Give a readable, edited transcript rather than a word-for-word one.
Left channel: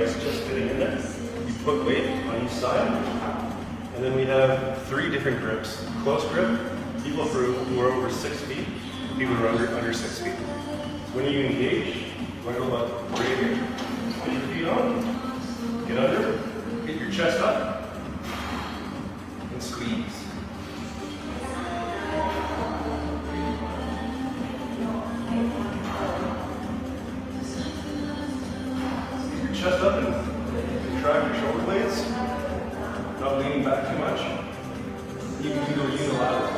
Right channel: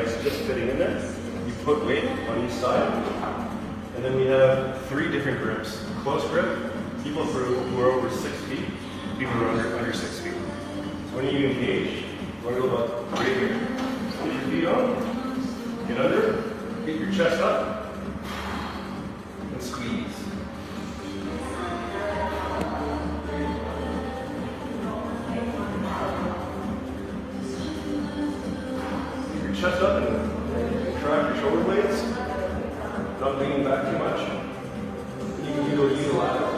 legs just fitting in there. You put weight on each side. And then we have 3 different grips. Close grip, people who are over 6 feet, people who are under 6 feet. So when you engage, we're going to look right here. Put your feet out, get under, get your chest up, and squeeze. Get your chest up and contract your shoulder blades. Not leaning back too much. You can go unilateral.